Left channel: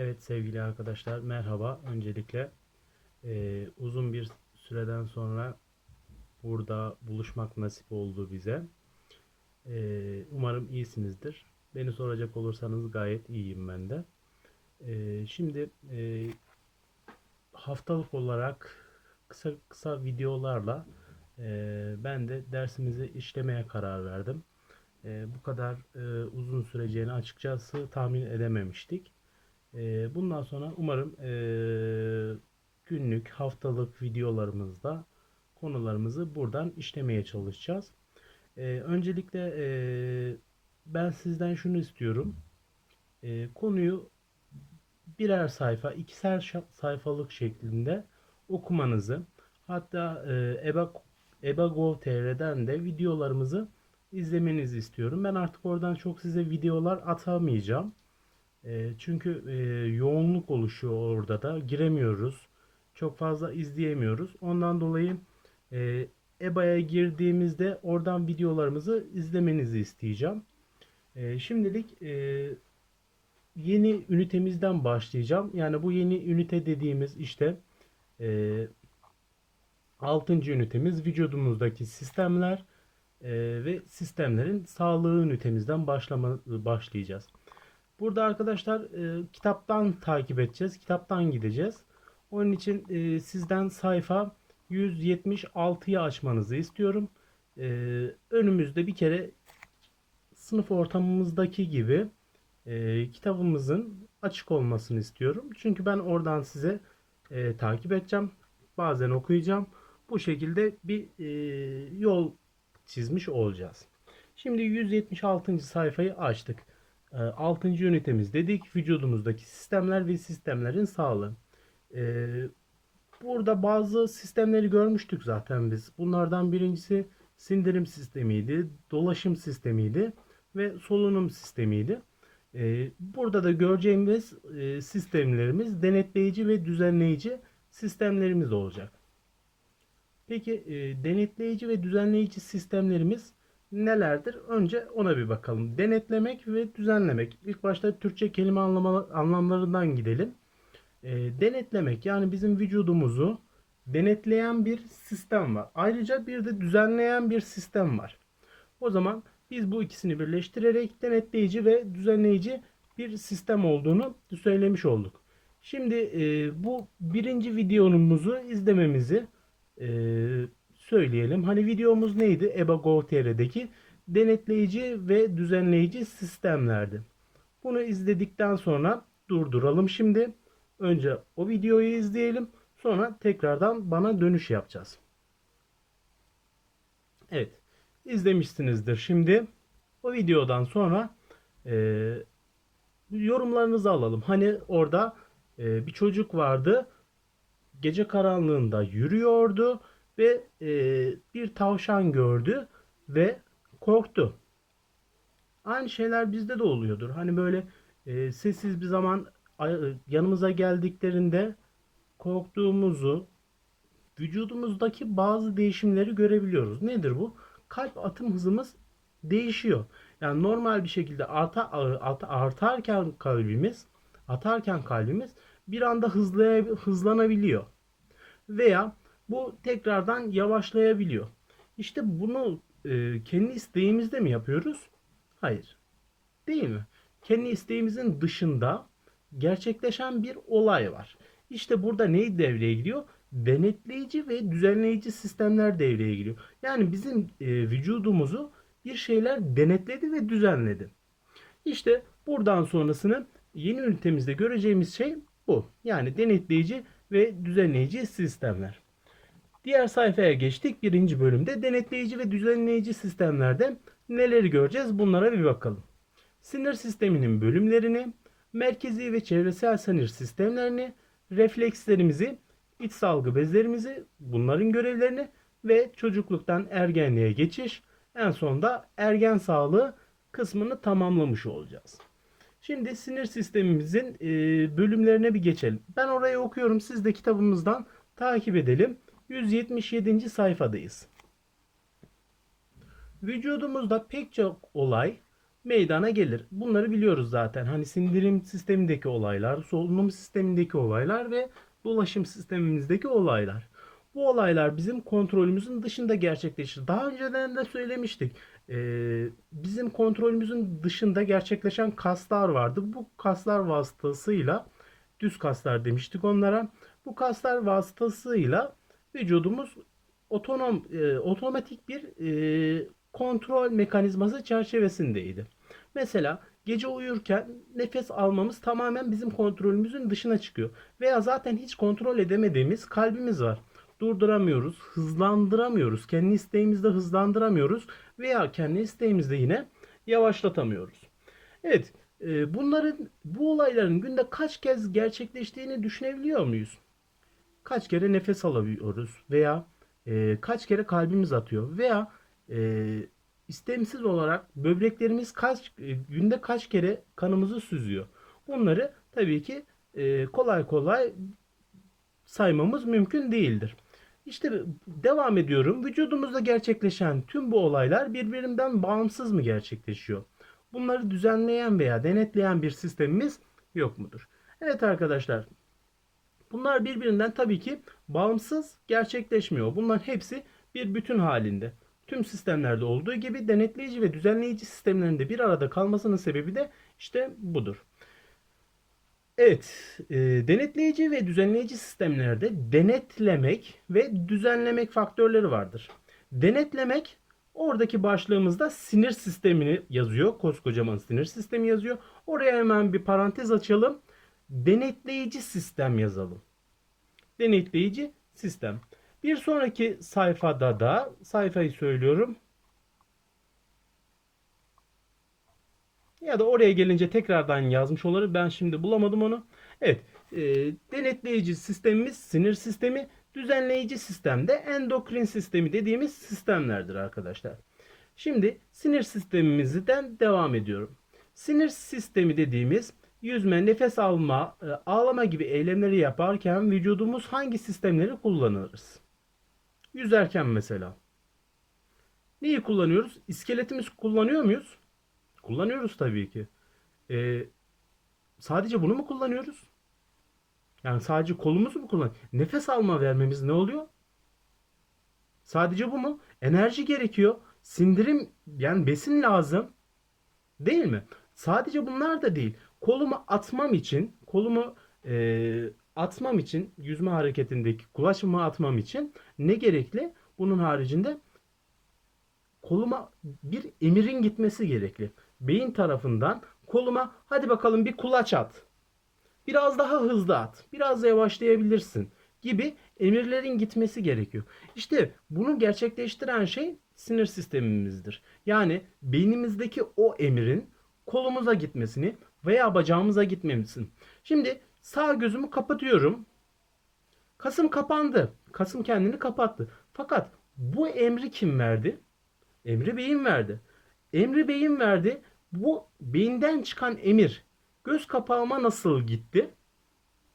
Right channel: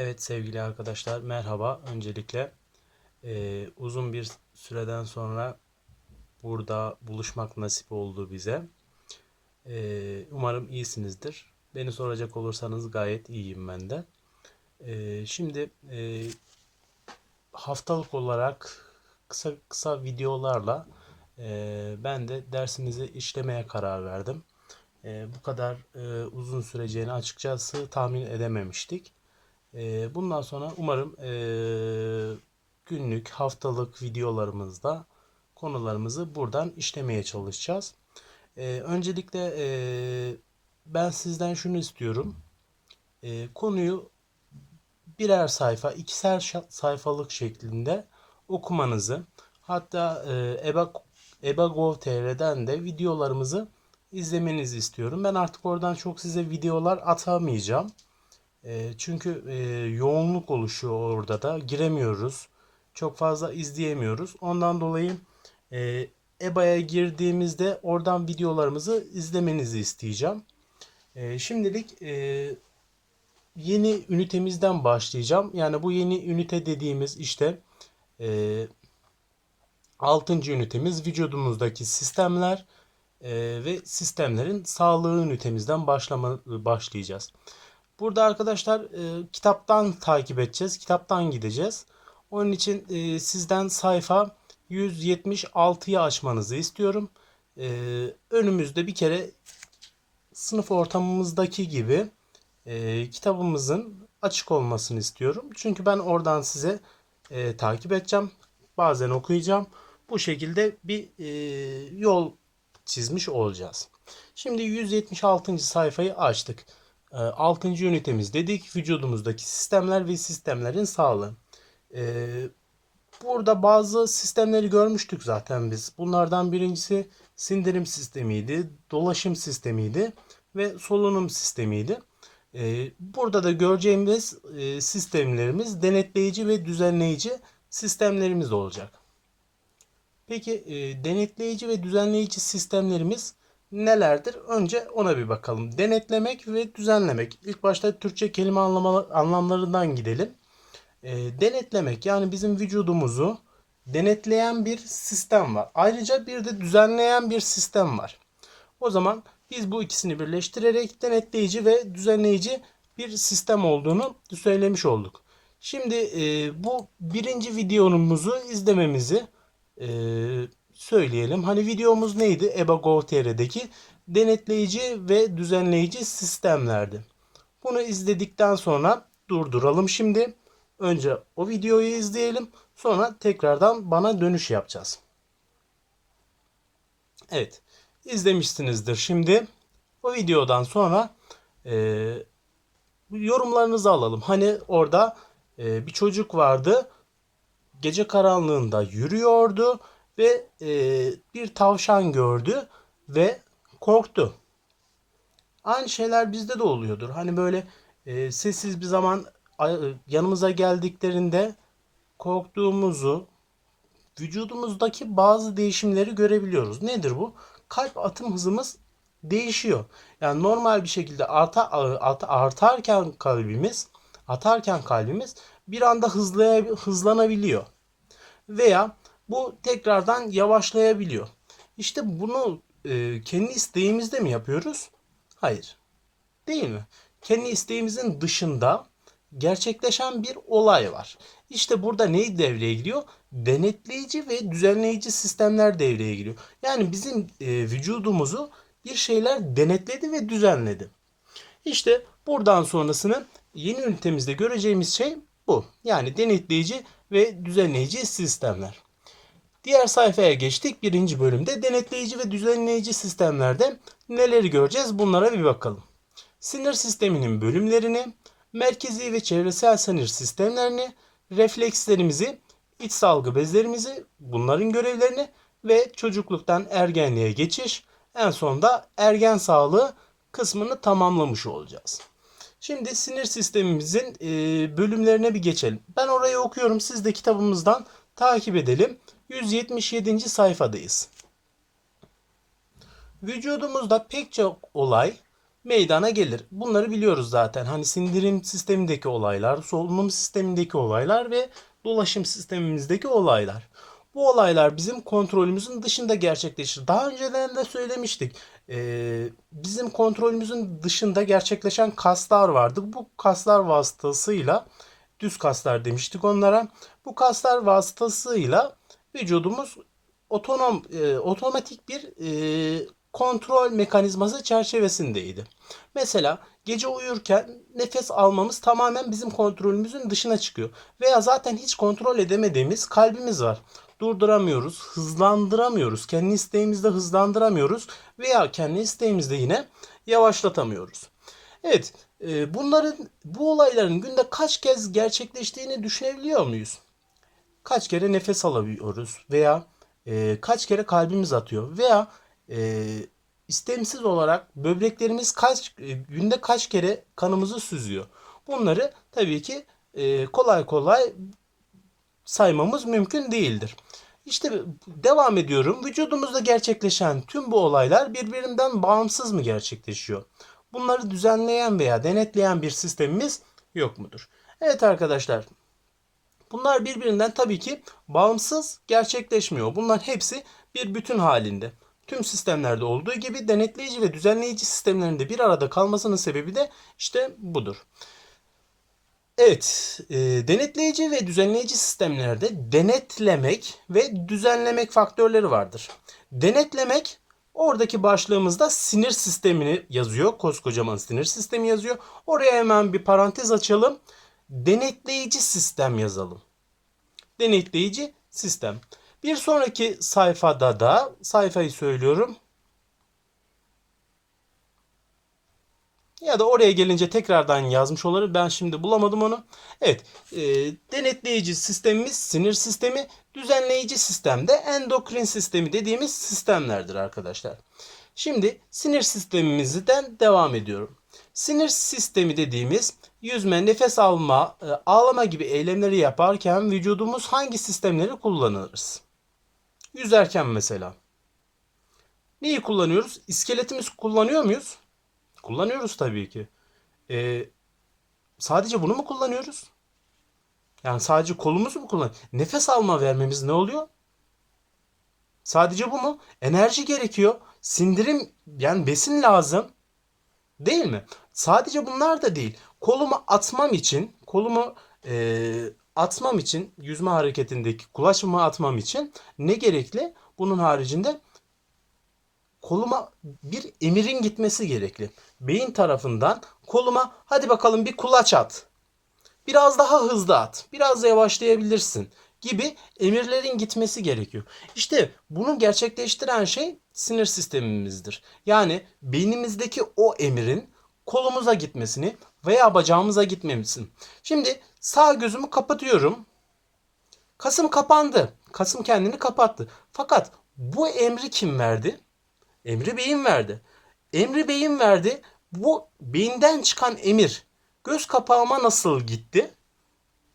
Evet sevgili arkadaşlar merhaba. Öncelikle eee, uzun bir süreden sonra burada buluşmak nasip oldu bize. Eee, umarım iyisinizdir. Beni soracak olursanız gayet iyiyim ben de. Eee, şimdi eee, haftalık olarak kısa kısa videolarla eee, ben de dersimizi işlemeye karar verdim. Eee, bu kadar eee, uzun süreceğini açıkçası tahmin edememiştik. Ee, bundan sonra umarım ee, günlük, haftalık videolarımızda konularımızı buradan işlemeye çalışacağız. Ee, öncelikle ben sizden şunu istiyorum. Konuyu birer sayfa, ikişer sayfalık şeklinde okumanızı, hatta ee, EBA, EBA.gov.tr'den de videolarımızı izlemenizi istiyorum. Ben artık oradan çok size videolar atamayacağım. Çünkü yoğunluk oluşuyor orada da. Giremiyoruz. Çok fazla izleyemiyoruz. Ondan dolayı e, EBA'ya girdiğimizde oradan videolarımızı izlemenizi isteyeceğim. Şimdilik yeni ünitemizden başlayacağım. Yani bu yeni ünite dediğimiz işte e, 6. ünitemiz vücudumuzdaki sistemler ve sistemlerin sağlığı ünitemizden başlama, başlayacağız. Burada arkadaşlar e, kitaptan takip edeceğiz. Kitaptan gideceğiz. Onun için e, sizden sayfa 176'yı açmanızı istiyorum. E, önümüzde bir kere sınıf ortamımızdaki gibi e, kitabımızın açık olmasını istiyorum. Çünkü ben oradan size e, takip edeceğim. Bazen okuyacağım. Bu şekilde bir e, yol çizmiş olacağız. Şimdi 176. sayfayı açtık. 6. ünitemiz dedik. Vücudumuzdaki sistemler ve sistemlerin sağlığı. Ee, burada bazı sistemleri görmüştük zaten biz. Bunlardan birincisi sindirim sistemiydi, dolaşım sistemiydi ve solunum sistemiydi. Ee, burada da göreceğimiz e, sistemlerimiz denetleyici ve düzenleyici sistemlerimiz olacak. Peki e, denetleyici ve düzenleyici sistemlerimiz nelerdir? Önce ona bir bakalım. Denetlemek ve düzenlemek. İlk başta Türkçe kelime anlama, anlamlarından gidelim. E, denetlemek yani bizim vücudumuzu denetleyen bir sistem var. Ayrıca bir de düzenleyen bir sistem var. O zaman biz bu ikisini birleştirerek denetleyici ve düzenleyici bir sistem olduğunu söylemiş olduk. Şimdi e, bu birinci videomuzu izlememizi e, söyleyelim. Hani videomuz neydi? EBA.gov.tr'deki denetleyici ve düzenleyici sistemlerdi. Bunu izledikten sonra durduralım şimdi. Önce o videoyu izleyelim. Sonra tekrardan bana dönüş yapacağız. Evet. izlemişsinizdir şimdi. O videodan sonra e, yorumlarınızı alalım. Hani orada e, bir çocuk vardı. Gece karanlığında yürüyordu ve e, bir tavşan gördü ve korktu. Aynı şeyler bizde de oluyordur. Hani böyle e, sessiz bir zaman yanımıza geldiklerinde korktuğumuzu, vücudumuzdaki bazı değişimleri görebiliyoruz. Nedir bu? Kalp atım hızımız değişiyor. Yani normal bir şekilde arta, arta, artarken kalbimiz, atarken kalbimiz bir anda hızlaya, hızlanabiliyor. Veya bu tekrardan yavaşlayabiliyor. İşte bunu e, kendi isteğimizde mi yapıyoruz? Hayır. Değil mi? Kendi isteğimizin dışında gerçekleşen bir olay var. İşte burada ne devreye giriyor? Denetleyici ve düzenleyici sistemler devreye giriyor. Yani bizim e, vücudumuzu bir şeyler denetledi ve düzenledi. İşte buradan sonrasını yeni ünitemizde göreceğimiz şey bu. Yani denetleyici ve düzenleyici sistemler. Diğer sayfaya geçtik. Birinci bölümde denetleyici ve düzenleyici sistemlerde neleri göreceğiz bunlara bir bakalım. Sinir sisteminin bölümlerini, merkezi ve çevresel sinir sistemlerini, reflekslerimizi, iç salgı bezlerimizi, bunların görevlerini ve çocukluktan ergenliğe geçiş, en sonunda ergen sağlığı kısmını tamamlamış olacağız. Şimdi sinir sistemimizin bölümlerine bir geçelim. Ben orayı okuyorum. Siz de kitabımızdan takip edelim. 177. sayfadayız. Vücudumuzda pek çok olay meydana gelir. Bunları biliyoruz zaten. Hani sindirim sistemindeki olaylar, solunum sistemindeki olaylar ve dolaşım sistemimizdeki olaylar. Bu olaylar bizim kontrolümüzün dışında gerçekleşir. Daha önceden de söylemiştik. Ee, bizim kontrolümüzün dışında gerçekleşen kaslar vardı. Bu kaslar vasıtasıyla düz kaslar demiştik onlara. Bu kaslar vasıtasıyla vücudumuz otonom e, otomatik bir e, kontrol mekanizması çerçevesindeydi. Mesela gece uyurken nefes almamız tamamen bizim kontrolümüzün dışına çıkıyor. Veya zaten hiç kontrol edemediğimiz kalbimiz var. Durduramıyoruz, hızlandıramıyoruz. Kendi isteğimizde hızlandıramıyoruz veya kendi isteğimizde yine yavaşlatamıyoruz. Evet, e, bunların bu olayların günde kaç kez gerçekleştiğini düşünebiliyor muyuz? Kaç kere nefes alabiliyoruz veya e, kaç kere kalbimiz atıyor veya e, istemsiz olarak böbreklerimiz kaç e, günde kaç kere kanımızı süzüyor. Bunları tabii ki e, kolay kolay saymamız mümkün değildir. İşte devam ediyorum. Vücudumuzda gerçekleşen tüm bu olaylar birbirinden bağımsız mı gerçekleşiyor? Bunları düzenleyen veya denetleyen bir sistemimiz yok mudur? Evet arkadaşlar. Bunlar birbirinden tabii ki bağımsız gerçekleşmiyor. Bunların hepsi bir bütün halinde. Tüm sistemlerde olduğu gibi denetleyici ve düzenleyici sistemlerinde bir arada kalmasının sebebi de işte budur. Evet, e, denetleyici ve düzenleyici sistemlerde denetlemek ve düzenlemek faktörleri vardır. Denetlemek oradaki başlığımızda sinir sistemini yazıyor. Koskocaman sinir sistemi yazıyor. Oraya hemen bir parantez açalım. Denetleyici sistem yazalım. Denetleyici sistem. Bir sonraki sayfada da sayfayı söylüyorum. Ya da oraya gelince tekrardan yazmış olabilir. Ben şimdi bulamadım onu. Evet. E, denetleyici sistemimiz sinir sistemi. Düzenleyici sistem de endokrin sistemi dediğimiz sistemlerdir arkadaşlar. Şimdi sinir sistemimizden devam ediyorum. Sinir sistemi dediğimiz yüzme, nefes alma, e, ağlama gibi eylemleri yaparken vücudumuz hangi sistemleri kullanırız? Yüzerken mesela. Neyi kullanıyoruz? İskeletimiz kullanıyor muyuz? Kullanıyoruz tabii ki. Ee, sadece bunu mu kullanıyoruz? Yani sadece kolumuzu mu kullan? Nefes alma vermemiz ne oluyor? Sadece bu mu? Enerji gerekiyor. Sindirim yani besin lazım. Değil mi? Sadece bunlar da değil. Kolumu atmam için, kolumu e, atmam için, yüzme hareketindeki kulaçımı atmam için ne gerekli? Bunun haricinde koluma bir emirin gitmesi gerekli. Beyin tarafından koluma hadi bakalım bir kulaç at. Biraz daha hızlı at. Biraz yavaşlayabilirsin gibi emirlerin gitmesi gerekiyor. İşte bunu gerçekleştiren şey sinir sistemimizdir. Yani beynimizdeki o emirin kolumuza gitmesini veya bacağımıza gitmemesini. Şimdi sağ gözümü kapatıyorum. Kasım kapandı. Kasım kendini kapattı. Fakat bu emri kim verdi? Emri beyin verdi. Emri beyin verdi. Bu beyinden çıkan emir göz kapağıma nasıl gitti?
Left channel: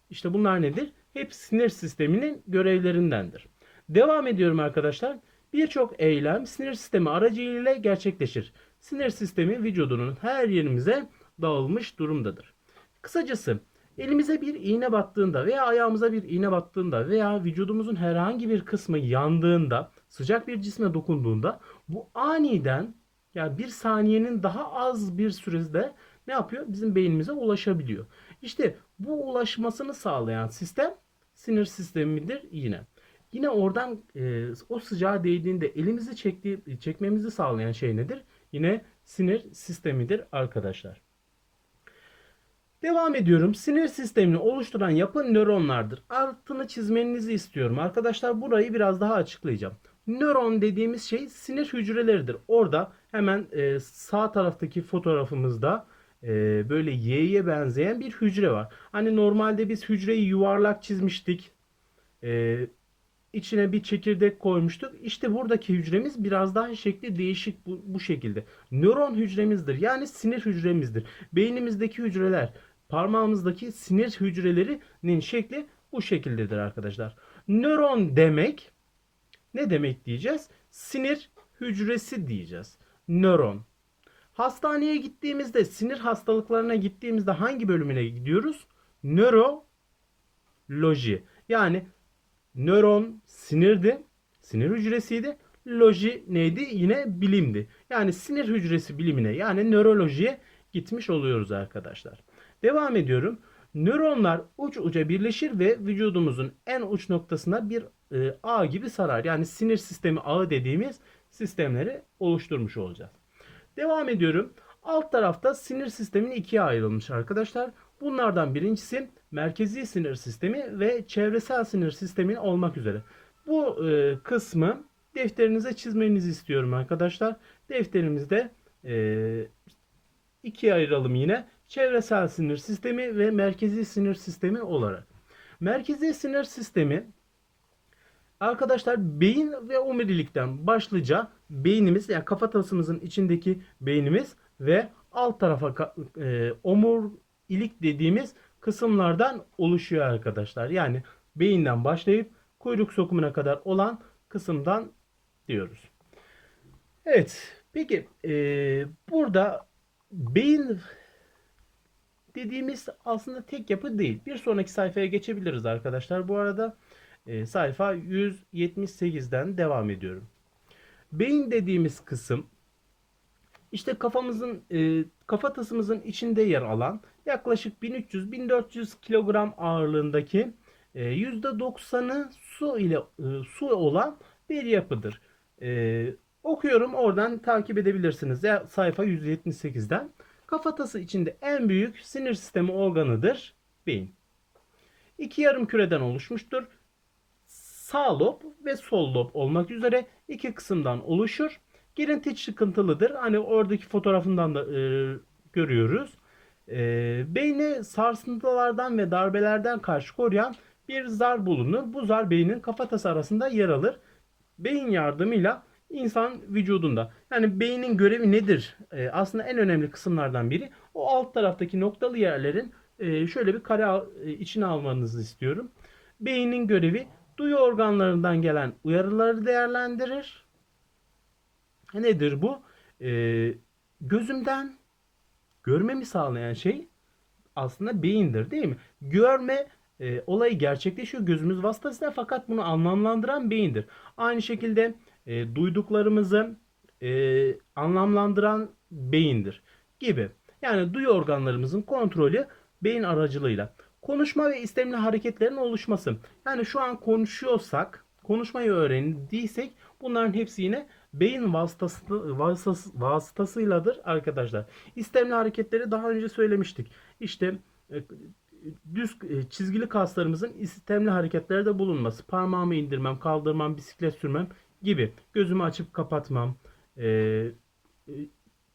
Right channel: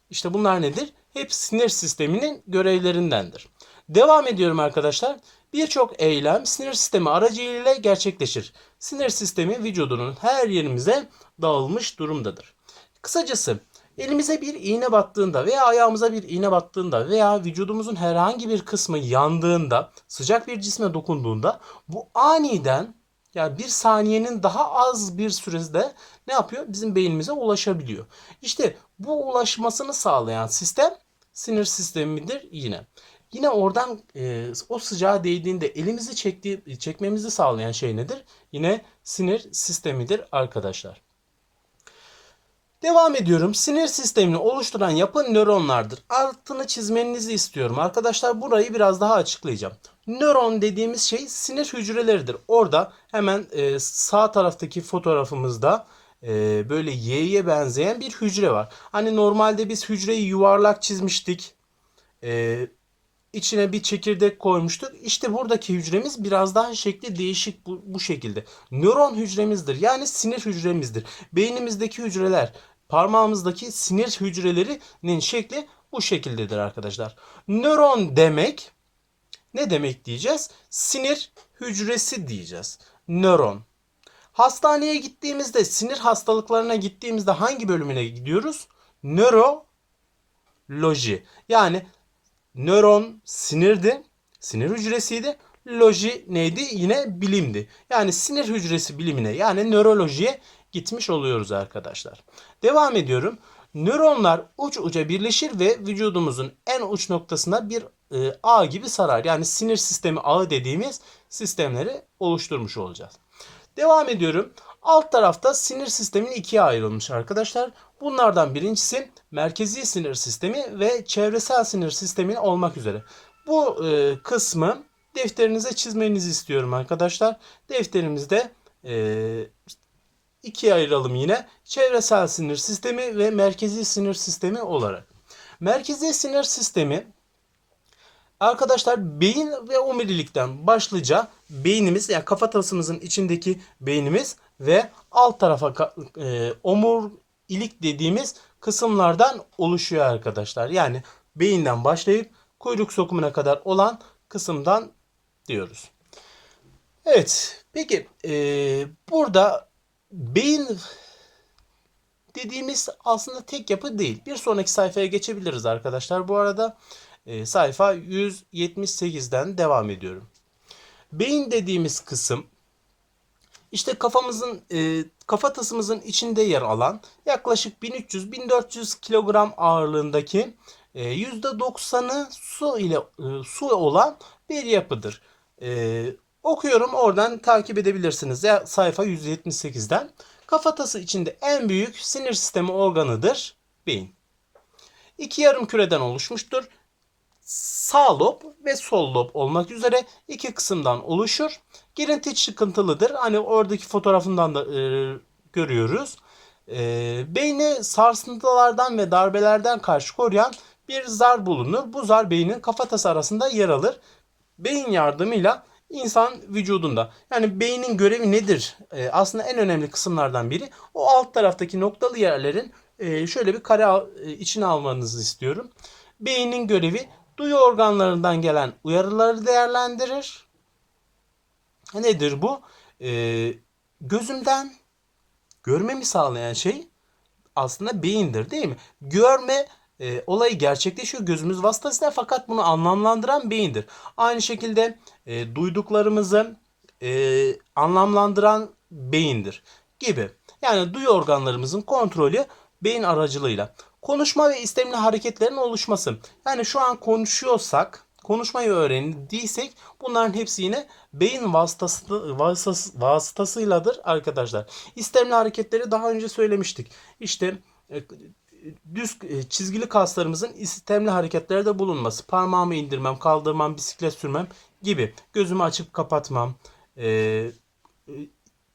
İşte bunlar nedir? Hep sinir sisteminin görevlerindendir. Devam ediyorum arkadaşlar. Birçok eylem sinir sistemi aracılığıyla gerçekleşir. Sinir sistemi vücudunun her yerimize dağılmış durumdadır. Kısacası elimize bir iğne battığında veya ayağımıza bir iğne battığında veya vücudumuzun herhangi bir kısmı yandığında, sıcak bir cisme dokunduğunda bu aniden yani bir saniyenin daha az bir sürede ne yapıyor? Bizim beynimize ulaşabiliyor. İşte bu ulaşmasını sağlayan sistem sinir sistemidir yine. Yine oradan e, o sıcağa değdiğinde elimizi çektiği, çekmemizi sağlayan şey nedir? Yine sinir sistemidir arkadaşlar. Devam ediyorum. Sinir sistemini oluşturan yapı nöronlardır. Altını çizmenizi istiyorum. Arkadaşlar burayı biraz daha açıklayacağım. Nöron dediğimiz şey sinir hücreleridir. Orada hemen e, sağ taraftaki fotoğrafımızda e, böyle Y'ye benzeyen bir hücre var. Hani normalde biz hücreyi yuvarlak çizmiştik. E, içine bir çekirdek koymuştuk. İşte buradaki hücremiz biraz daha şekli değişik bu, bu şekilde. Nöron hücremizdir. Yani sinir hücremizdir. Beynimizdeki hücreler parmağımızdaki sinir hücrelerinin şekli bu şekildedir arkadaşlar. Nöron demek ne demek diyeceğiz? Sinir hücresi diyeceğiz. Nöron. Hastaneye gittiğimizde, sinir hastalıklarına gittiğimizde hangi bölümüne gidiyoruz? Nöroloji. Yani nöron sinirdi, sinir hücresiydi. Loji neydi? Yine bilimdi. Yani sinir hücresi bilimine yani nörolojiye gitmiş oluyoruz arkadaşlar. Devam ediyorum. Nöronlar uç uca birleşir ve vücudumuzun en uç noktasına bir e, ağ gibi sarar. Yani sinir sistemi ağı dediğimiz sistemleri oluşturmuş olacağız. Devam ediyorum. Alt tarafta sinir sistemin ikiye ayrılmış arkadaşlar. Bunlardan birincisi merkezi sinir sistemi ve çevresel sinir sistemi olmak üzere. Bu e, kısmı defterinize çizmenizi istiyorum arkadaşlar. Defterimizde e, ikiye ayıralım yine. Çevresel sinir sistemi ve merkezi sinir sistemi olarak. Merkezi sinir sistemi Arkadaşlar beyin ve omurilikten başlıca beynimiz yani kafatasımızın içindeki beynimiz ve alt tarafa e, omurilik dediğimiz kısımlardan oluşuyor arkadaşlar. Yani beyinden başlayıp kuyruk sokumuna kadar olan kısımdan diyoruz. Evet peki e, burada beyin dediğimiz aslında tek yapı değil. Bir sonraki sayfaya geçebiliriz arkadaşlar. Bu arada e, sayfa 178'den devam ediyorum. Beyin dediğimiz kısım işte kafamızın e, kafatasımızın içinde yer alan yaklaşık 1300-1400 kilogram ağırlığındaki e, %90'ı su ile e, su olan bir yapıdır. E, okuyorum oradan takip edebilirsiniz. Ya, sayfa 178'den. Kafatası içinde en büyük sinir sistemi organıdır beyin. İki yarım küreden oluşmuştur sağ lob ve sol lob olmak üzere iki kısımdan oluşur. Girinti çıkıntılıdır. Hani oradaki fotoğrafından da e, görüyoruz. E, beyni sarsıntılardan ve darbelerden karşı koruyan bir zar bulunur. Bu zar beynin kafatası arasında yer alır. Beyin yardımıyla insan vücudunda. Yani beynin görevi nedir? E, aslında en önemli kısımlardan biri o alt taraftaki noktalı yerlerin e, şöyle bir kare e, içine almanızı istiyorum. Beynin görevi duyu organlarından gelen uyarıları değerlendirir. Nedir bu? Ee, gözümden görmemi sağlayan şey aslında beyindir değil mi? Görme e, olayı gerçekleşiyor gözümüz vasıtasıyla fakat bunu anlamlandıran beyindir. Aynı şekilde e, duyduklarımızı e, anlamlandıran beyindir gibi. Yani duyu organlarımızın kontrolü beyin aracılığıyla. Konuşma ve istemli hareketlerin oluşması. Yani şu an konuşuyorsak, konuşmayı öğrendiysek bunların hepsi yine beyin vasıtası, vasıtası, vasıtasıyladır arkadaşlar. İstemli hareketleri daha önce söylemiştik. İşte e, düz e, çizgili kaslarımızın istemli hareketlerde bulunması. Parmağımı indirmem, kaldırmam, bisiklet sürmem gibi. Gözümü açıp kapatmam, e,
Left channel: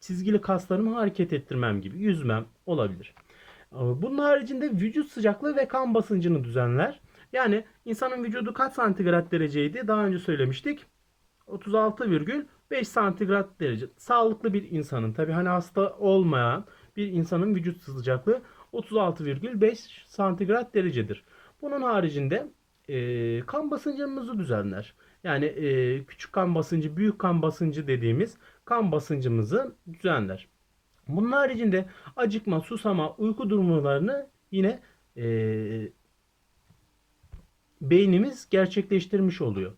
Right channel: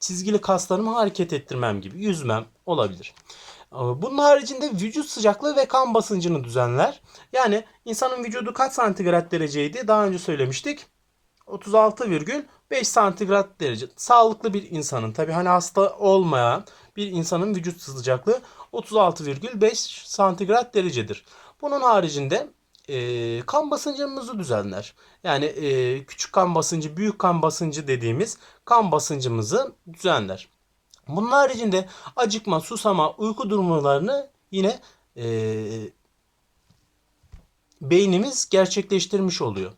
çizgili kaslarımı hareket ettirmem gibi. Yüzmem olabilir. Bunun haricinde vücut sıcaklığı ve kan basıncını düzenler. Yani insanın vücudu kaç santigrat dereceydi? Daha önce söylemiştik. 36,5 santigrat derece. Sağlıklı bir insanın tabi hani hasta olmayan bir insanın vücut sıcaklığı 36,5 santigrat derecedir. Bunun haricinde e, kan basıncımızı düzenler. Yani e, küçük kan basıncı, büyük kan basıncı dediğimiz kan basıncımızı düzenler. Bunun haricinde acıkma, susama, uyku durumlarını yine e, beynimiz gerçekleştirmiş oluyor.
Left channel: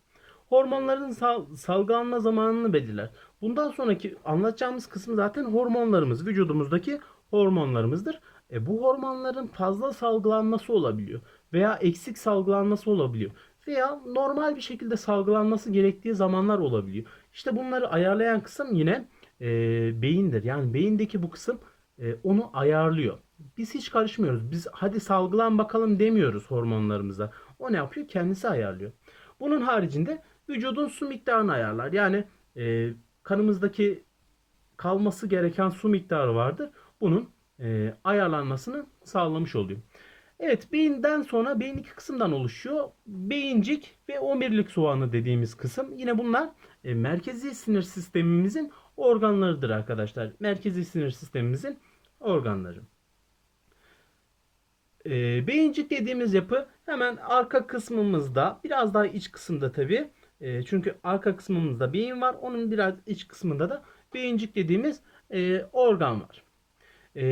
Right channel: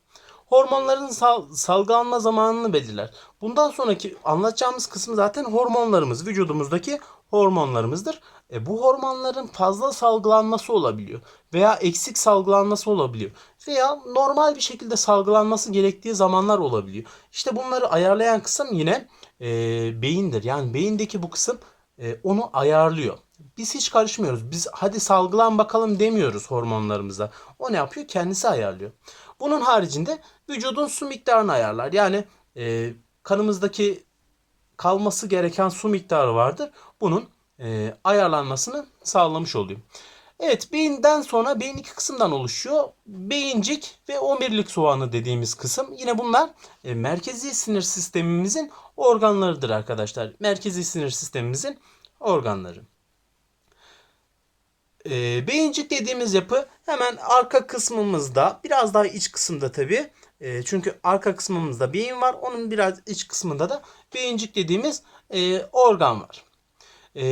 Hormonların sal salgılanma zamanını belirler. Bundan sonraki anlatacağımız kısım zaten hormonlarımız, vücudumuzdaki hormonlarımızdır. E, bu hormonların fazla salgılanması olabiliyor veya eksik salgılanması olabiliyor veya normal bir şekilde salgılanması gerektiği zamanlar olabiliyor. İşte bunları ayarlayan kısım yine e, beyindir. Yani beyindeki bu kısım e, onu ayarlıyor. Biz hiç karışmıyoruz. Biz hadi salgılan bakalım demiyoruz hormonlarımıza. O ne yapıyor? Kendisi ayarlıyor. Bunun haricinde vücudun su miktarını ayarlar. Yani e, kanımızdaki kalması gereken su miktarı vardır. Bunun e, ayarlanmasını sağlamış oluyor. Evet beyinden sonra beyin iki kısımdan oluşuyor. Beyincik ve omurilik soğanı dediğimiz kısım. Yine bunlar e, merkezi sinir sistemimizin organlarıdır arkadaşlar. Merkezi sinir sistemimizin organları. E, beyincik dediğimiz yapı hemen arka kısmımızda biraz daha iç kısımda tabi. E, çünkü arka kısmımızda beyin var. Onun biraz iç kısmında da beyincik dediğimiz e, organ var. E,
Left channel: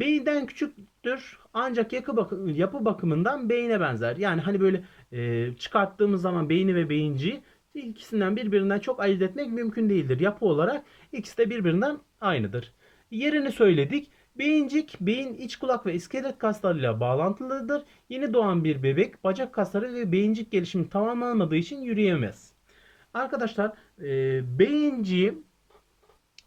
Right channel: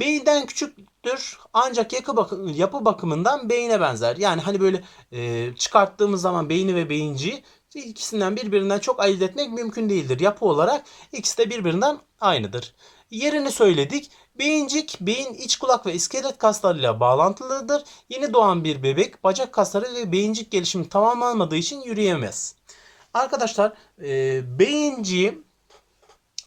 beyinden küçüktür ancak yapı, bakı- yapı bakımından beyine benzer. Yani hani böyle e, çıkarttığımız zaman beyni ve beyinciyi ikisinden birbirinden çok ayırt etmek mümkün değildir. Yapı olarak ikisi de birbirinden aynıdır. Yerini söyledik. Beyincik, beyin, iç kulak ve iskelet kaslarıyla bağlantılıdır. Yeni doğan bir bebek bacak kasları ve beyincik gelişimi tamamlanmadığı için yürüyemez. Arkadaşlar e, beyinciği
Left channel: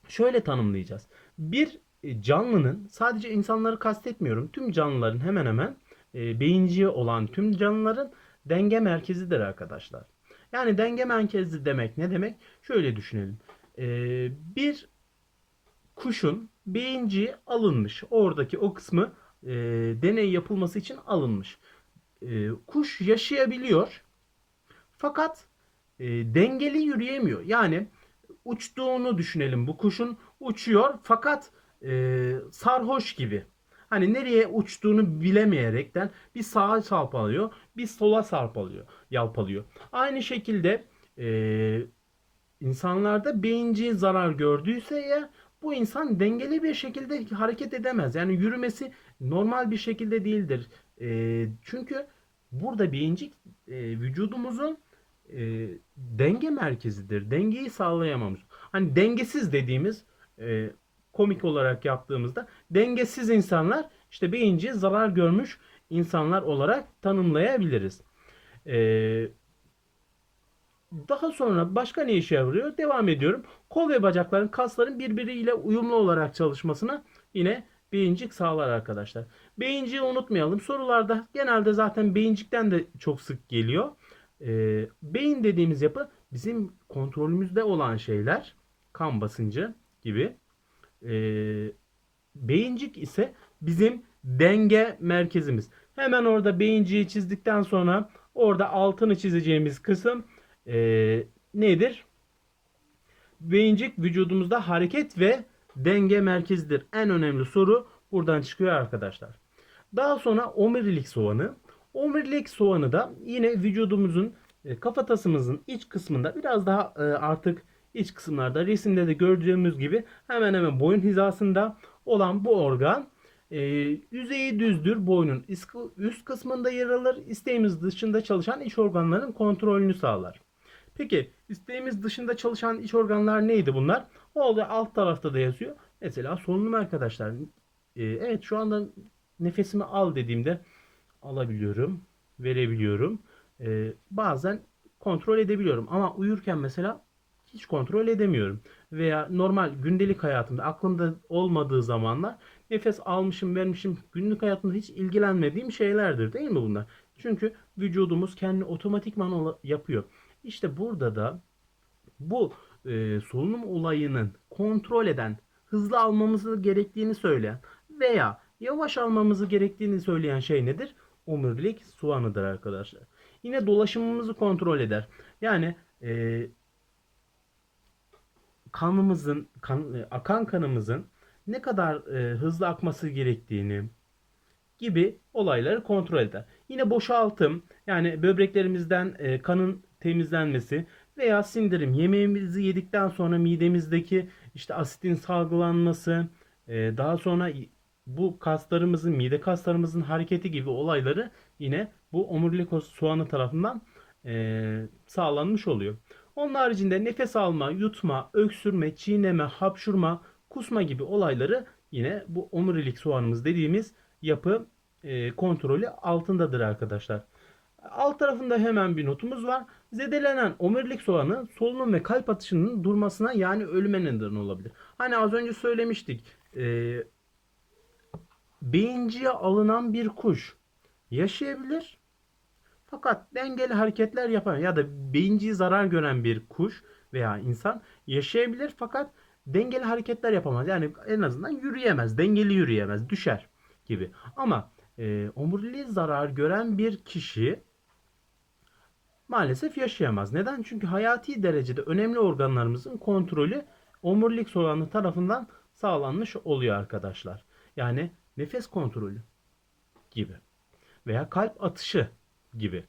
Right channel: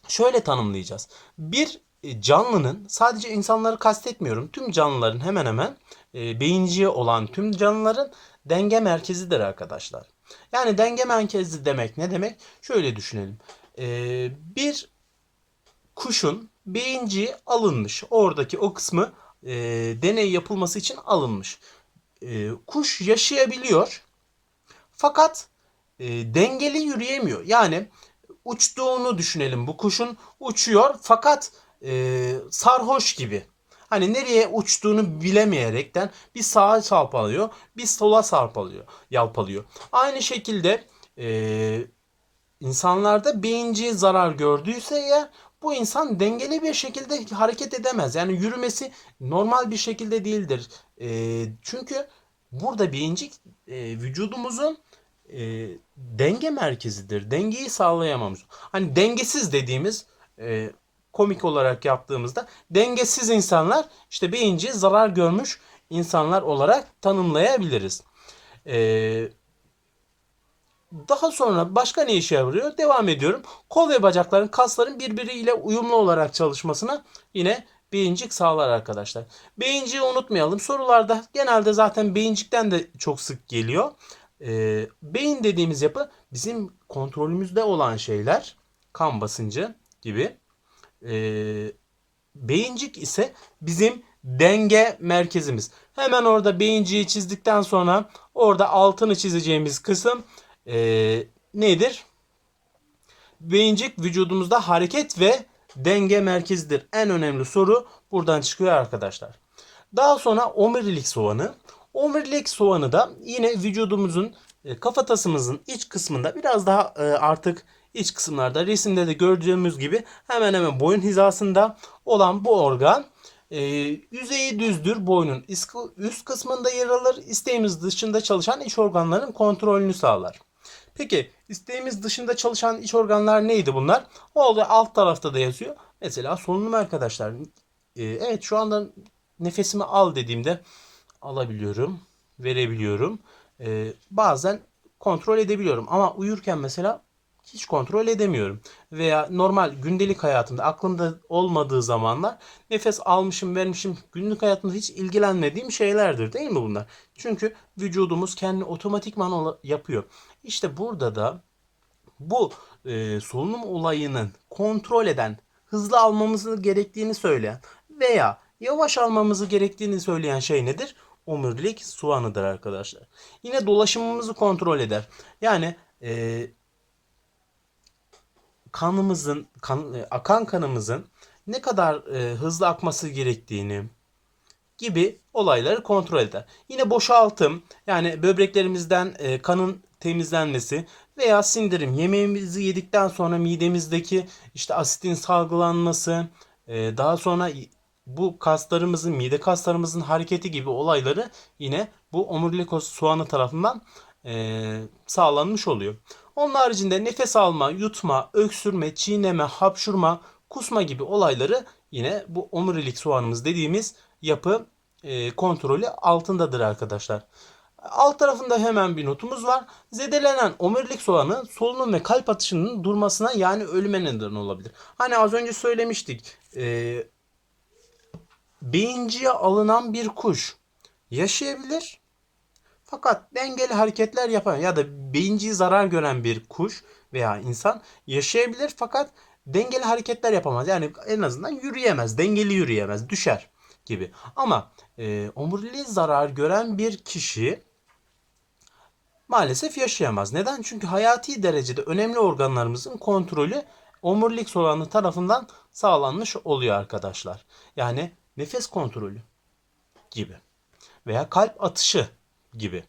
şöyle tanımlayacağız. Bir canlının sadece insanları kastetmiyorum. Tüm canlıların hemen hemen e, beyinciği olan tüm canlıların denge merkezidir arkadaşlar. Yani denge merkezi demek ne demek? Şöyle düşünelim. E, bir kuşun beyinciği alınmış. Oradaki o kısmı e, deney yapılması için alınmış. E, kuş yaşayabiliyor. Fakat e, dengeli yürüyemiyor. Yani uçtuğunu düşünelim. Bu kuşun uçuyor fakat e, sarhoş gibi. Hani nereye uçtuğunu bilemeyerekten bir sağa sarpalıyor, bir sola sarpalıyor, yalpalıyor. Aynı şekilde e, insanlarda beyinciği zarar gördüyse eğer bu insan dengeli bir şekilde hareket edemez. Yani yürümesi normal bir şekilde değildir. E, çünkü burada beyincik e, vücudumuzun e, denge merkezidir. Dengeyi sağlayamamız. Hani dengesiz dediğimiz e, komik olarak yaptığımızda dengesiz insanlar işte beyinciği zarar görmüş insanlar olarak tanımlayabiliriz. Ee, daha sonra başka ne işe yarıyor? Devam ediyorum. Kol ve bacakların kasların birbiriyle uyumlu olarak çalışmasına yine beyincik sağlar arkadaşlar. Beyinciği unutmayalım. Sorularda genelde zaten beyincikten de çok sık geliyor. Ee, beyin dediğimiz yapı bizim kontrolümüzde olan şeyler. Kan basıncı gibi. Ee, beyincik ise bizim denge merkezimiz. Hemen orada beyinciği çizdikten sonra orada altını çizeceğimiz kısım ee, nedir? Beyincik vücudumuzda hareket ve denge merkezidir. En önemli soru buradan çıkıyor arkadaşlar. Daha sonra omurilik soğanı. Omurilik soğanı da yine vücudumuzun e, kafatasımızın iç kısmında biraz daha e, artık iç kısımlarda resimde de gördüğümüz gibi hemen hemen boyun hizasında olan bu organ e, yüzeyi düzdür. Boynun üst kısmında yer alır. İsteğimiz dışında çalışan iç organların kontrolünü sağlar. Peki isteğimiz dışında çalışan iç organlar neydi bunlar? O da alt tarafta da yazıyor. Mesela solunum arkadaşlar. E, evet şu anda nefesimi al dediğimde alabiliyorum, verebiliyorum. E, bazen kontrol edebiliyorum ama uyurken mesela hiç kontrol edemiyorum. Veya normal gündelik hayatımda aklımda olmadığı zamanlar nefes almışım vermişim günlük hayatımda hiç ilgilenmediğim şeylerdir değil mi bunlar? Çünkü vücudumuz kendi otomatikman yapıyor. İşte burada da bu e, solunum olayının kontrol eden, hızlı almamızı gerektiğini söyleyen veya yavaş almamızı gerektiğini söyleyen şey nedir? Omurilik soğanıdır arkadaşlar. Yine dolaşımımızı kontrol eder. Yani e, kanımızın, kan, e, akan kanımızın ne kadar e, hızlı akması gerektiğini gibi olayları kontrol eder. Yine boşaltım yani böbreklerimizden e, kanın temizlenmesi veya sindirim yemeğimizi yedikten sonra midemizdeki işte asitin salgılanması e, daha sonra bu kaslarımızın mide kaslarımızın hareketi gibi olayları yine bu omurilik soğanı tarafından e, sağlanmış oluyor. Onun haricinde nefes alma, yutma, öksürme, çiğneme, hapşurma, kusma gibi olayları yine bu omurilik soğanımız dediğimiz yapı e, kontrolü altındadır arkadaşlar. Alt tarafında hemen bir notumuz var. Zedelenen omurilik soğanı solunum ve kalp atışının durmasına yani ölüme neden olabilir. Hani az önce söylemiştik. E, beyinciye alınan bir kuş yaşayabilir fakat dengeli hareketler yapan ya da beyinciyi zarar gören bir kuş veya insan yaşayabilir fakat dengeli hareketler yapamaz. Yani en azından yürüyemez, dengeli yürüyemez, düşer gibi. Ama e, omuriliği zarar gören bir kişi maalesef yaşayamaz. Neden? Çünkü hayati derecede önemli organlarımızın kontrolü omurilik soğanı tarafından sağlanmış oluyor arkadaşlar. Yani nefes kontrolü gibi veya kalp atışı gibi.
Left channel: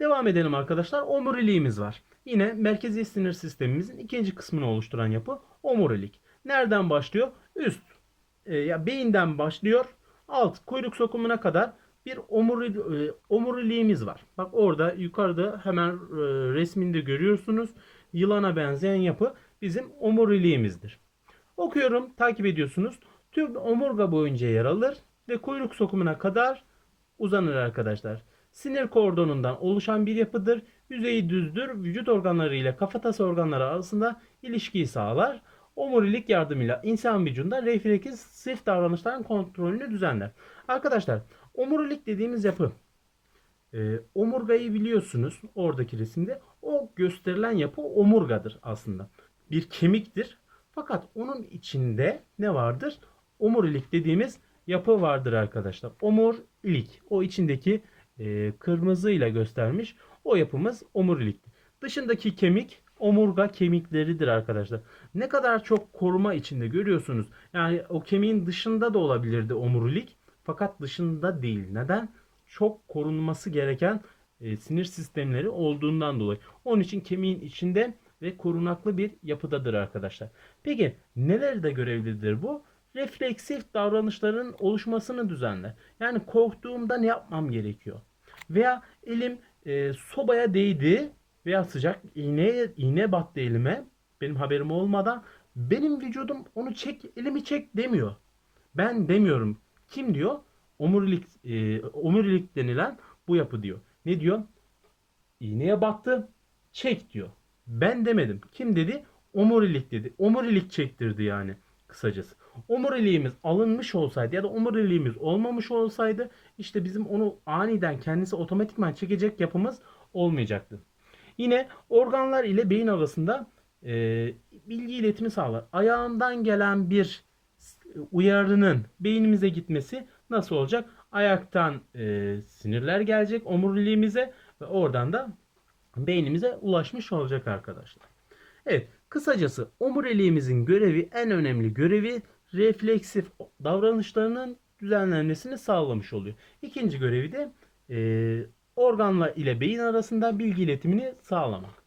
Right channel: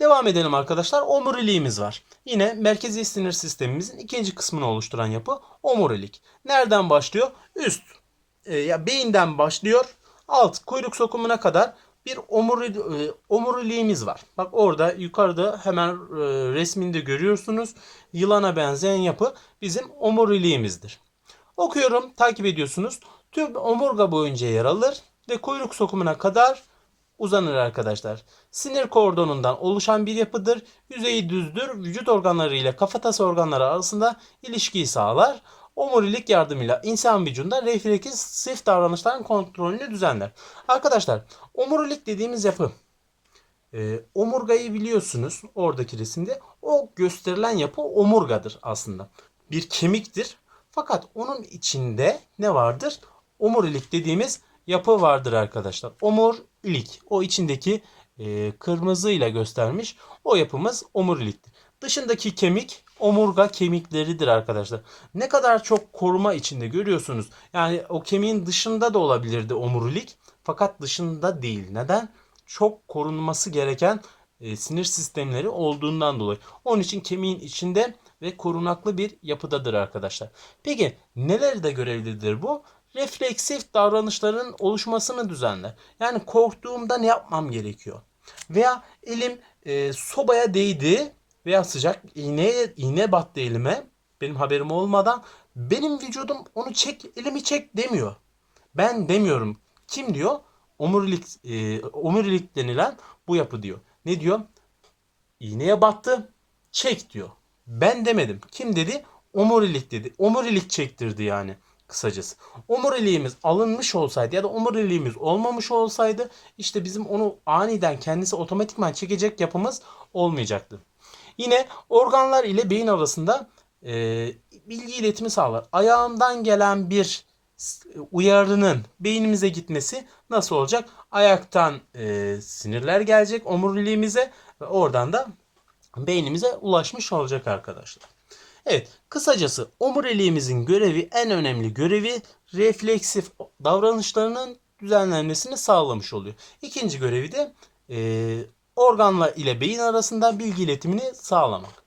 Devam edelim arkadaşlar. Omuriliğimiz var. Yine merkezi sinir sistemimizin ikinci kısmını oluşturan yapı omurilik. Nereden başlıyor? Üst. E, ya beyinden başlıyor. Alt kuyruk sokumuna kadar bir omuri, e, omuriliğimiz var. Bak orada yukarıda hemen e, resminde görüyorsunuz. Yılana benzeyen yapı bizim omuriliğimizdir. Okuyorum, takip ediyorsunuz. Tüm omurga boyunca yer alır ve kuyruk sokumuna kadar uzanır arkadaşlar. Sinir kordonundan oluşan bir yapıdır. Yüzeyi düzdür. Vücut organları ile kafatası organları arasında ilişkiyi sağlar. Omurilik yardımıyla insan vücudunda refleksif davranışların kontrolünü düzenler. Arkadaşlar omurilik dediğimiz yapı e, omurgayı biliyorsunuz oradaki resimde. O gösterilen yapı omurgadır aslında. Bir kemiktir. Fakat onun içinde ne vardır? Omurilik dediğimiz yapı vardır arkadaşlar. Omurilik. O içindeki e, kırmızıyla göstermiş. O yapımız omuriliktir. Dışındaki kemik omurga kemikleridir arkadaşlar. Ne kadar çok koruma içinde görüyorsunuz. Yani o kemiğin dışında da olabilirdi omurilik. Fakat dışında değil. Neden? Çok korunması gereken e, sinir sistemleri olduğundan dolayı. Onun için kemiğin içinde ve korunaklı bir yapıdadır arkadaşlar. Peki nelerde görevlidir bu? Refleksif davranışların oluşmasını düzenler. Yani korktuğumda ne yapmam gerekiyor? Veya elim e, sobaya değdi veya sıcak iğneye iğne battı elime benim haberim olmadan benim vücudum onu çek elimi çek demiyor. Ben demiyorum. Kim diyor? Omurilik e, omurilik denilen bu yapı diyor. Ne diyor? İğneye battı. Çek diyor. Ben demedim. Kim dedi? Omurilik dedi. Omurilik çektirdi yani kısacası. Omuriliğimiz alınmış olsaydı ya da omuriliğimiz olmamış olsaydı işte bizim onu aniden kendisi otomatikman çekecek yapımız olmayacaktı. Yine organlar ile beyin arasında e, bilgi iletimi sağlar. Ayağımdan gelen bir uyarının beynimize gitmesi nasıl olacak? Ayaktan e, sinirler gelecek omuriliğimize ve oradan da beynimize ulaşmış olacak arkadaşlar. Evet, kısacası omuriliğimizin görevi en önemli görevi refleksif davranışlarının düzenlenmesini sağlamış oluyor. İkinci görevi de e, organla ile beyin arasında bilgi iletimini sağlamak.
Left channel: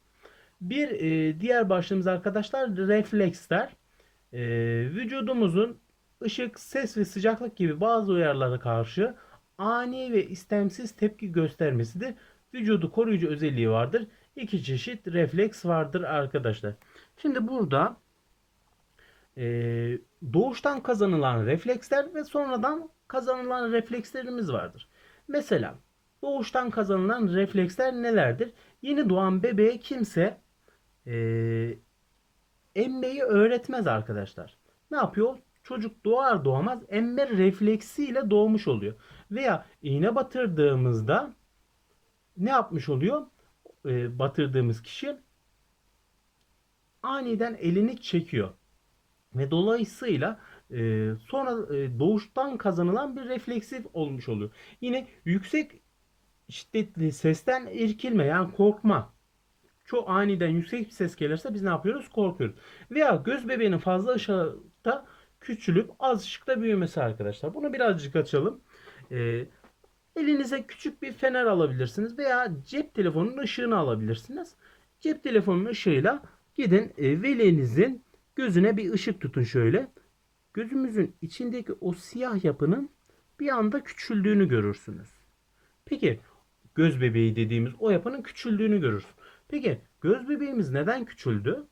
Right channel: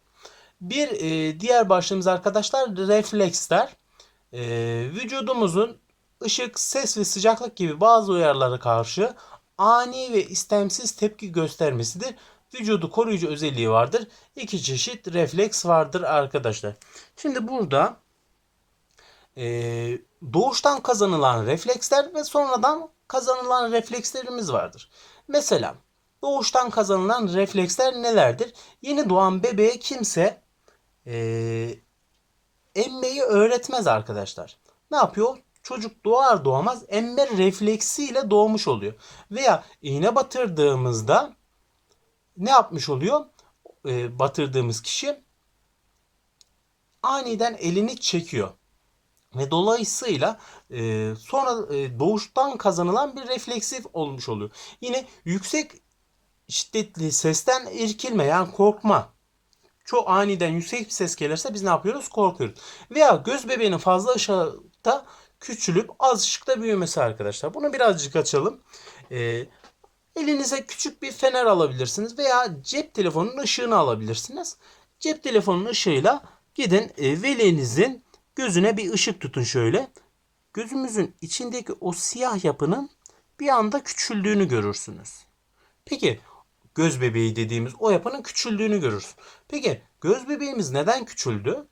Bir e, diğer başlığımız arkadaşlar refleksler. E, vücudumuzun ışık, ses ve sıcaklık gibi bazı uyarılara karşı ani ve istemsiz tepki göstermesidir. Vücudu koruyucu özelliği vardır. İki çeşit refleks vardır arkadaşlar. Şimdi burada e, doğuştan kazanılan refleksler ve sonradan kazanılan reflekslerimiz vardır. Mesela doğuştan kazanılan refleksler nelerdir? Yeni doğan bebeğe kimse e, emmeyi öğretmez arkadaşlar. Ne yapıyor? Çocuk doğar doğmaz emme refleksiyle doğmuş oluyor. Veya iğne batırdığımızda ne yapmış oluyor? E, batırdığımız kişi aniden elini çekiyor. Ve dolayısıyla e, sonra e, doğuştan kazanılan bir refleksif olmuş oluyor. Yine yüksek şiddetli sesten irkilme yani korkma. Çok aniden yüksek bir ses gelirse biz ne yapıyoruz? Korkuyoruz. Veya göz bebeğinin fazla ışıkta küçülüp az ışıkta büyümesi arkadaşlar. Bunu birazcık açalım. Ee, elinize küçük bir fener alabilirsiniz veya cep telefonunun ışığını alabilirsiniz. Cep telefonunun ışığıyla gidin e, velinizin gözüne bir ışık tutun şöyle. Gözümüzün içindeki o siyah yapının bir anda küçüldüğünü görürsünüz. Peki göz bebeği dediğimiz o yapının küçüldüğünü görürüz. Peki göz bebeğimiz neden küçüldü?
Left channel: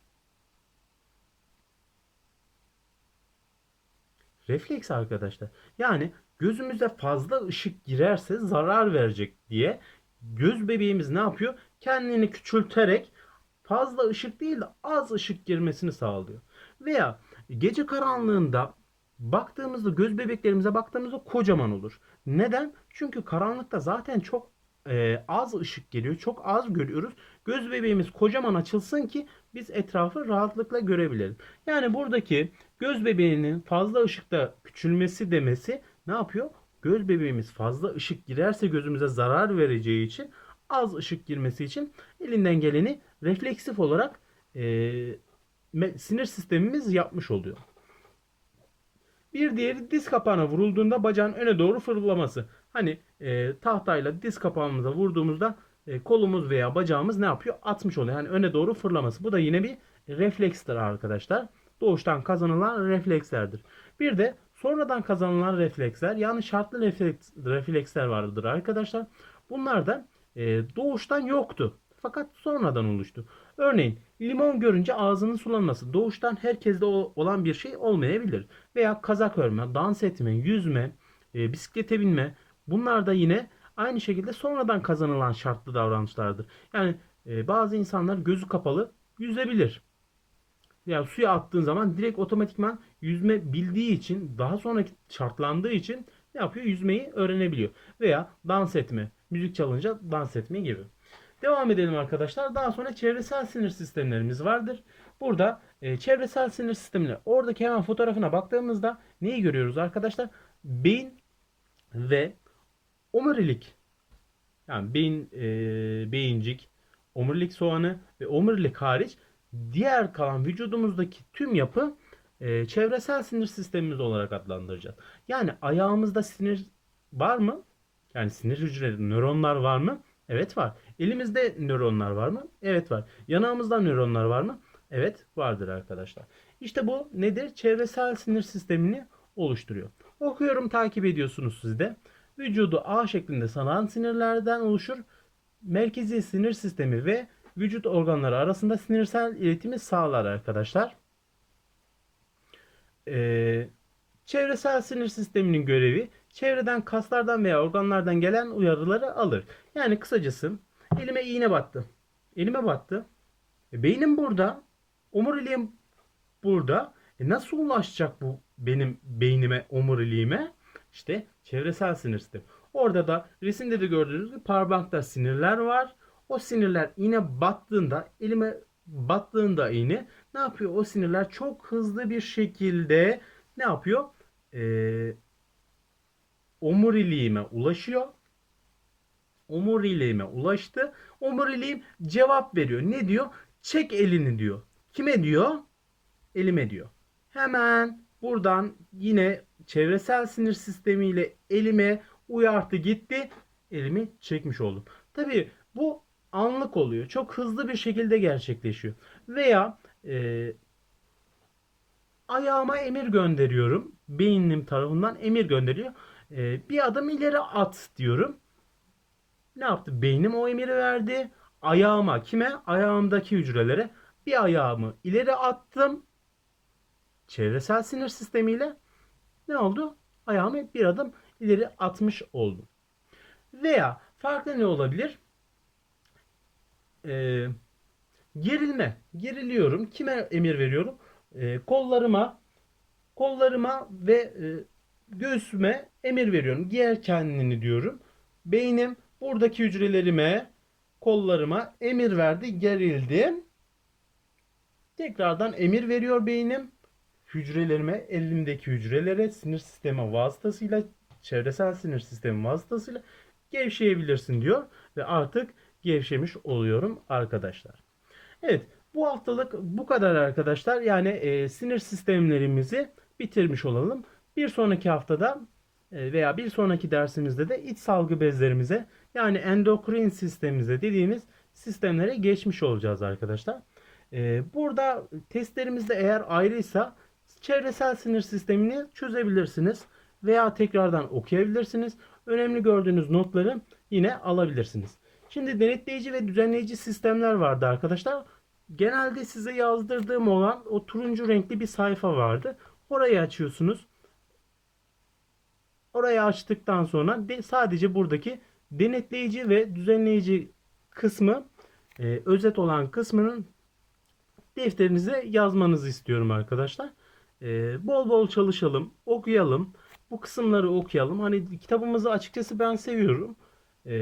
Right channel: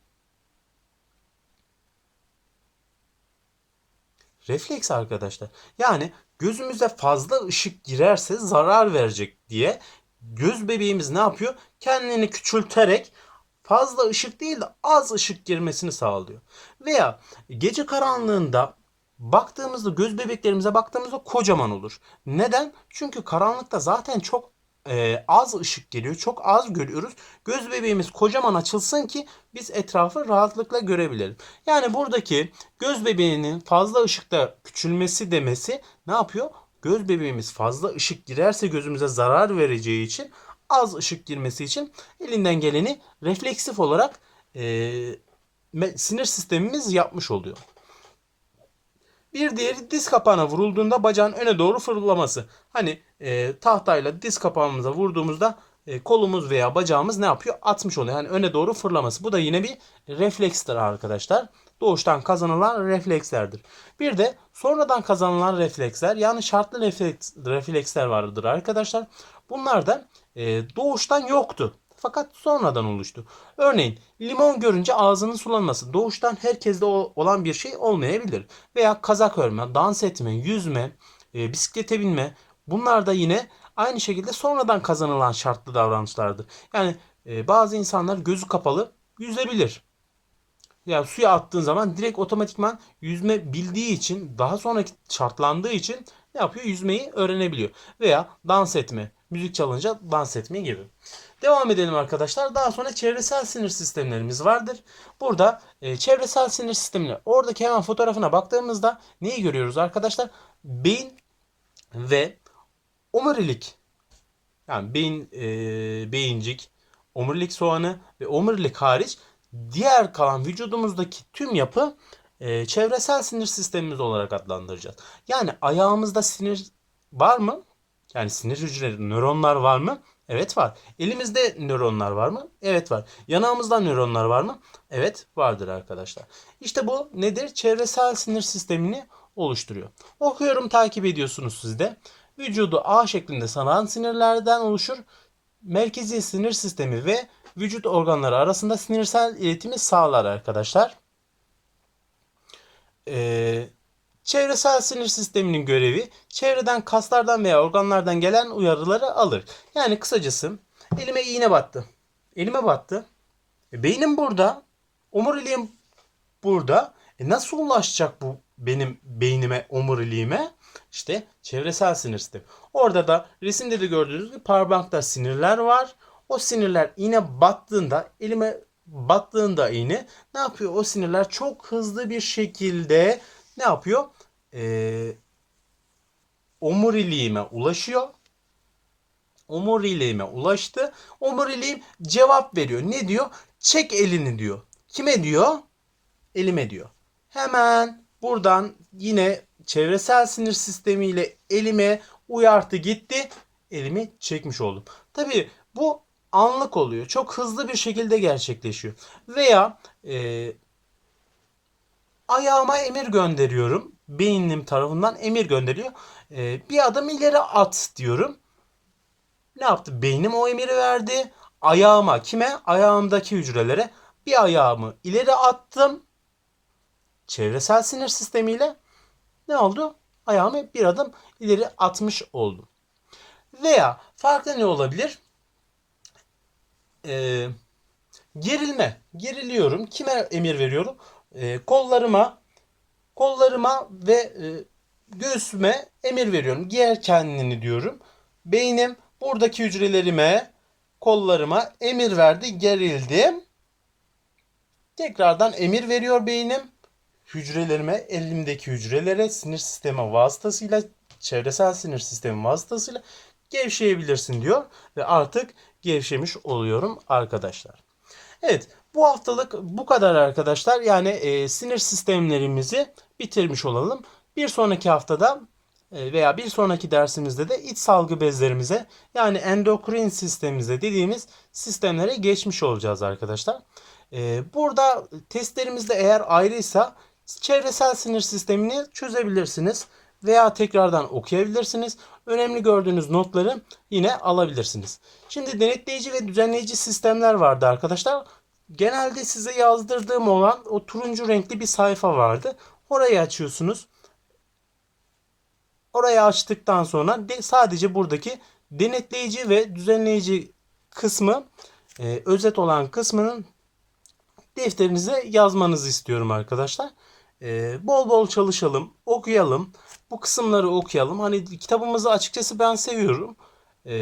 Refleks arkadaşlar. Yani gözümüze fazla ışık girerse zarar verecek diye göz bebeğimiz ne yapıyor? Kendini küçülterek fazla ışık değil de az ışık girmesini sağlıyor. Veya gece karanlığında baktığımızda göz bebeklerimize baktığımızda kocaman olur. Neden? Çünkü karanlıkta zaten çok e, az ışık geliyor. Çok az görüyoruz. Göz bebeğimiz kocaman açılsın ki biz etrafı rahatlıkla görebilelim. Yani buradaki göz bebeğinin fazla ışıkta küçülmesi demesi ne yapıyor? Göz bebeğimiz fazla ışık girerse gözümüze zarar vereceği için az ışık girmesi için elinden geleni refleksif olarak e, sinir sistemimiz yapmış oluyor. Bir diğeri diz kapağına vurulduğunda bacağın öne doğru fırlaması. Hani e, tahtayla diz kapağımıza vurduğumuzda e, kolumuz veya bacağımız ne yapıyor? Atmış oluyor. Yani öne doğru fırlaması. Bu da yine bir reflekstir arkadaşlar. Doğuştan kazanılan reflekslerdir. Bir de sonradan kazanılan refleksler yani şartlı refleks, refleksler vardır arkadaşlar. Bunlar da e, doğuştan yoktu. Fakat sonradan oluştu. Örneğin limon görünce ağzının sulanması doğuştan herkeste olan bir şey olmayabilir. Veya kazak örme, dans etme, yüzme, e, bisiklete binme bunlar da yine aynı şekilde sonradan kazanılan şartlı davranışlardır. Yani e, bazı insanlar gözü kapalı yüzebilir. Yani suya attığın zaman direkt otomatikman yüzme bildiği için daha sonraki şartlandığı için ne yapıyor? Yüzmeyi öğrenebiliyor. Veya dans etme, müzik çalınca dans etme gibi. Devam edelim arkadaşlar. Daha sonra çevresel sinir sistemlerimiz vardır. Burada e, çevresel sinir sistemleri. Oradaki hemen fotoğrafına baktığımızda neyi görüyoruz arkadaşlar? Beyin ve omurilik. Yani beyin, e, beyincik, omurilik soğanı ve omurilik hariç diğer kalan vücudumuzdaki tüm yapı e, çevresel sinir sistemimiz olarak adlandıracağız. Yani ayağımızda sinir var mı? Yani sinir hücreleri, nöronlar var mı? Evet var. Elimizde nöronlar var mı? Evet var. Yanağımızda nöronlar var mı? Evet vardır arkadaşlar. İşte bu nedir? Çevresel sinir sistemini oluşturuyor. Okuyorum takip ediyorsunuz siz de. Vücudu A şeklinde sanan sinirlerden oluşur. Merkezi sinir sistemi ve vücut organları arasında sinirsel iletimi sağlar arkadaşlar. Ee, çevresel sinir sisteminin görevi çevreden kaslardan veya organlardan gelen uyarıları alır. Yani kısacası elime iğne battı. Elime battı. E, beynim burada. Omuriliğim burada. E, nasıl ulaşacak bu benim beynime, omuriliğime? İşte çevresel sinir sistemi. Orada da resimde de gördüğünüz gibi parmakta sinirler var. O sinirler iğne battığında elime battığında iğne ne yapıyor? O sinirler çok hızlı bir şekilde ne yapıyor? Ee, omuriliğime ulaşıyor. Omuriliğime ulaştı. Omuriliğim cevap veriyor. Ne diyor? Çek elini diyor. Kime diyor? Elime diyor. Hemen buradan yine çevresel sinir sistemiyle elime uyartı gitti. Elimi çekmiş oldum. Tabii bu anlık oluyor. Çok hızlı bir şekilde gerçekleşiyor. Veya e, ayağıma emir gönderiyorum. Beynim tarafından emir gönderiyor. E, bir adım ileri at diyorum. Ne yaptı? Beynim o emiri verdi. Ayağıma kime? Ayağımdaki hücrelere bir ayağımı ileri attım. Çevresel sinir sistemiyle ne oldu? Ayağımı bir adım ileri atmış oldum. Veya farklı ne olabilir? Ee, gerilme. Geriliyorum. Kime emir veriyorum? Ee, kollarıma kollarıma ve e, göğsüme emir veriyorum. Giyer kendini diyorum. Beynim buradaki hücrelerime, kollarıma emir verdi. Gerildim. Tekrardan emir veriyor beynim. Hücrelerime, elimdeki hücrelere sinir sistemi vasıtasıyla, çevresel sinir sistemi vasıtasıyla gevşeyebilirsin diyor. Ve artık gevşemiş oluyorum arkadaşlar. Evet bu haftalık bu kadar arkadaşlar. Yani e, sinir sistemlerimizi bitirmiş olalım. Bir sonraki haftada e, veya bir sonraki dersimizde de iç salgı bezlerimize yani endokrin sistemimize dediğimiz sistemlere geçmiş olacağız arkadaşlar. E, burada testlerimizde eğer ayrıysa çevresel sinir sistemini çözebilirsiniz veya tekrardan okuyabilirsiniz. Önemli gördüğünüz notları yine alabilirsiniz. Şimdi denetleyici ve düzenleyici sistemler vardı arkadaşlar. Genelde size yazdırdığım olan o turuncu renkli bir sayfa vardı. Orayı açıyorsunuz. Orayı açtıktan sonra de, sadece buradaki denetleyici ve düzenleyici kısmı e, özet olan kısmının defterinize yazmanızı istiyorum arkadaşlar. E, bol bol çalışalım, okuyalım. Bu kısımları okuyalım. Hani kitabımızı açıkçası ben seviyorum. E,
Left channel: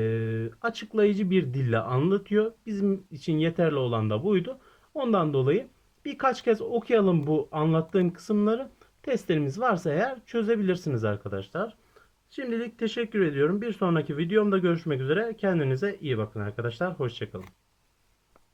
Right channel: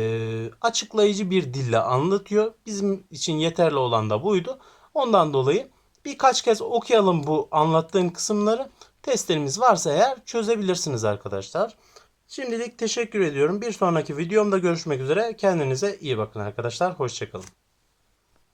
açıklayıcı bir dille anlatıyor. Bizim için yeterli olan da buydu. Ondan dolayı birkaç kez okuyalım bu anlattığım kısımları. Testlerimiz varsa eğer çözebilirsiniz arkadaşlar. Şimdilik teşekkür ediyorum. Bir sonraki videomda görüşmek üzere. Kendinize iyi bakın arkadaşlar. Hoşçakalın.